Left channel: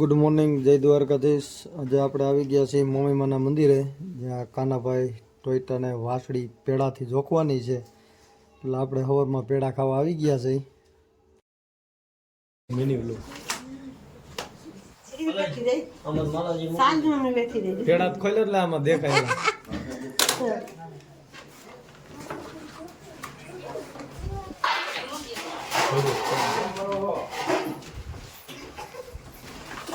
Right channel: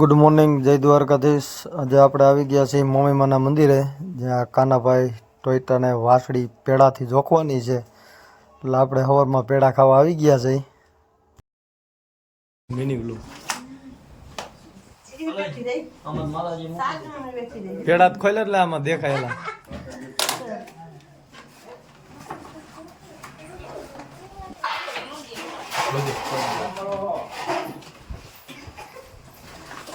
Good morning જય દ્વારકાધીશ. આજે આપણે આવી ગયા છીએ મોમીમાના મંદિરે, જ્યાં કાનાભાઈ ટોયટાને વાસળી પેડાથી જોખવાની છે. એટલે આપણે હવરમાં પેડા ખાવા આવી ગયા છે પેડા ખોલે એટલે આમાં દેખાયેલા.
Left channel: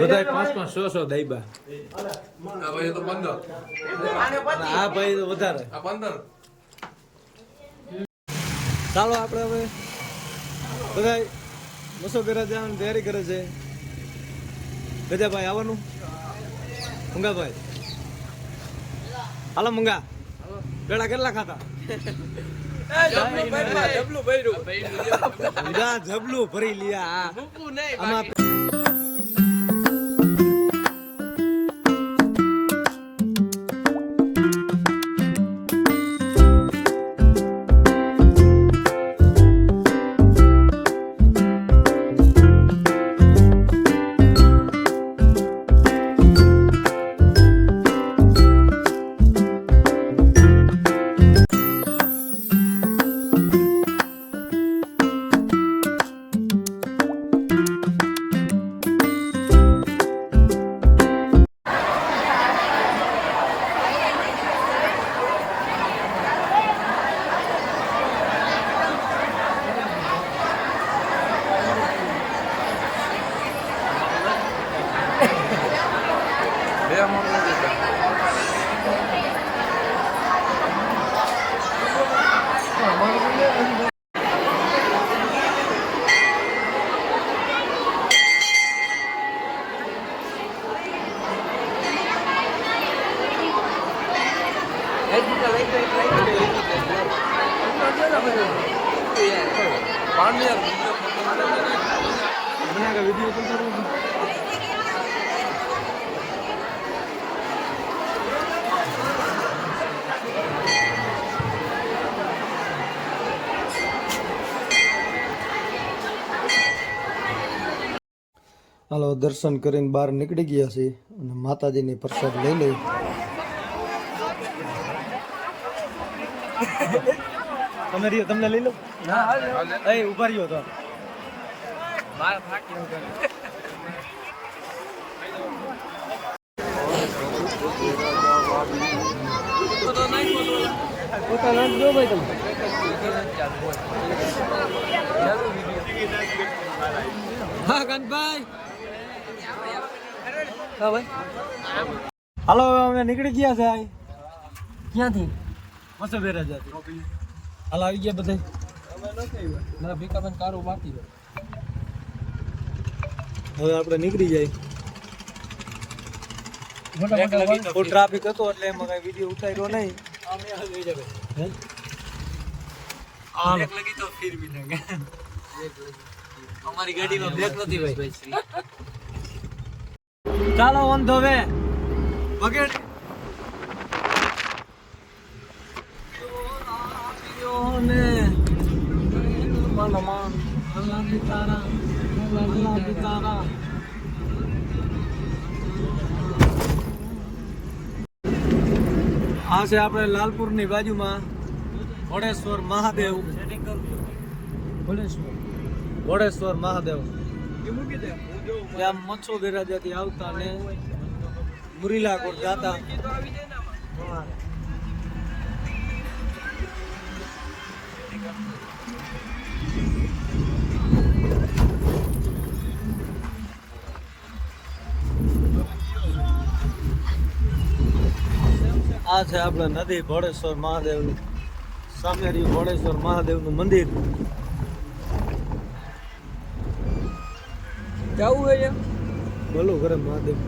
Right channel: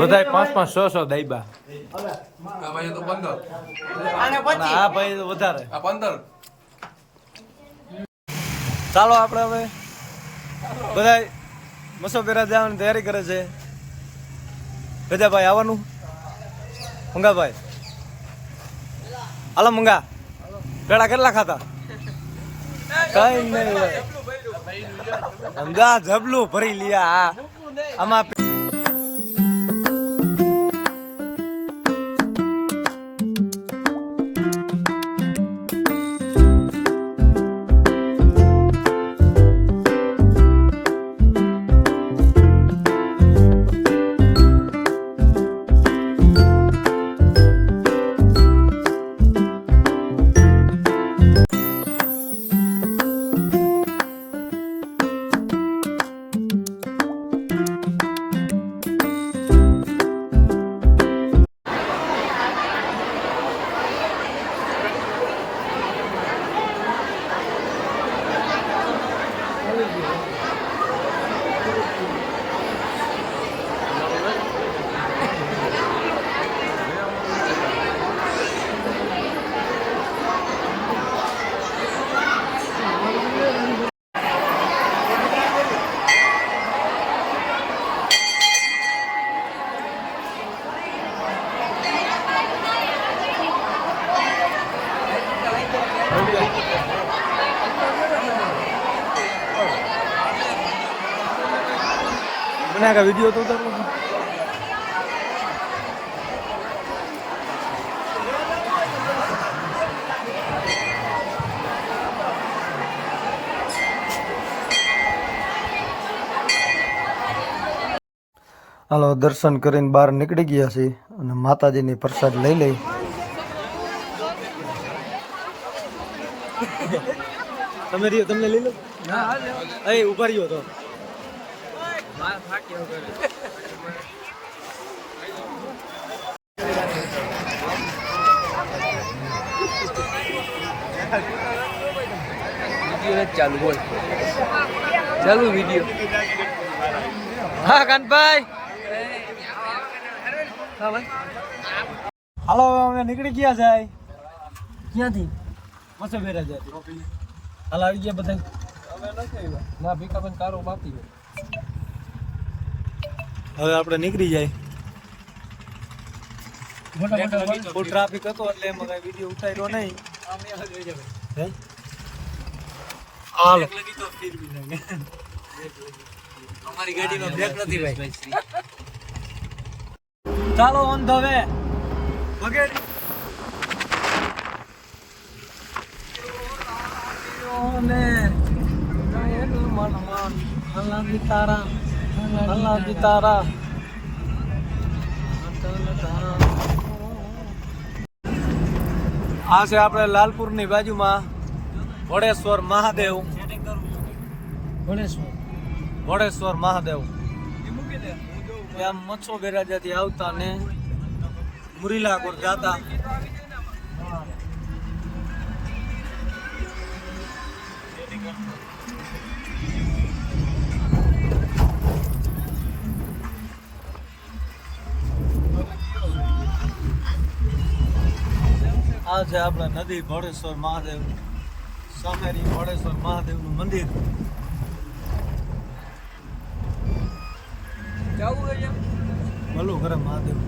બધાય પાંચ પાંચ સો સો દાઈબા આ ભાઈ તો પંદર. આ ભાઈ તો વધારે. આ પંદર. ચાલો આપણે હવે બધા મસોબેરા જવાની તૈયારી કરે છે. ગજાભાઈ આવવાનું? મંગાભાઈ. હાલો મંગા. પેડા કેટલા ખાતા જબલું ભરી લીયા. આમાં વીડિયો તો ઉતારવો હાલો, દર્શન કરીને બહાર નીકળી ગયા છીએ અને માતાજીની પ્રસાદ લઈ લઈ. તમે રહ્યો તમને લઈ લો. એ ઊભા રહ્યો તો. ચાલુ વીડિયો હા કાનભાઈ હાલો અમે નીકળી ગયા છે. ક્યાંથી? મસો બેરા જતી હાલ આવી ગયા બધા ના ભીખાબેન કારો બાકી હવે આપણે નીકળી જાય. ફૂલ ટ્રાફિક હતો એટલે એમાં કઈ વીડિયો ઉતાર્યો નહીં. હે? હાલો. લગી તો ફીર ભી લગે. અમારી ગાડીમાં બ્રેક નથી ભાઈ. ચાલો ઓન ધ વે ને મન મન અલ્લાહ દી તારા અલ્લાહ દી તારા. આ છે આપણે લાલપુરની બાજુમાં વડેશ્વર મહાદેવ. વડેશ્વર મહાદેવ. ત્યાં મચ્છો બેરાજાથી આવતા ને મુરીલાકોર જાતા. આ છે આપણે નદી ભોળેશ્વર મહાદેવની સામે રહ્યું ભોળેશ્વર મહાદેવનું મંદિર. જવું હોય ભલું કરે મહાદેવ.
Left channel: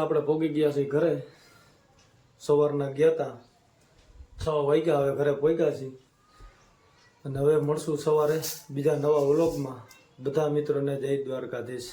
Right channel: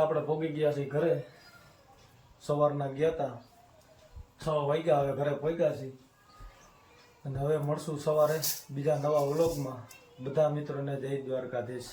આપણે ભોગી ગયા છીએ ઘરે. સવારના ગયા હતા છ વાગ્યા હવે ઘરે પહોંચ્યા છીએ. અને હવે મળશું સવારે બીજા નવા વ્લોગમાં. બધા મિત્રોને જય દ્વારકાધીશ.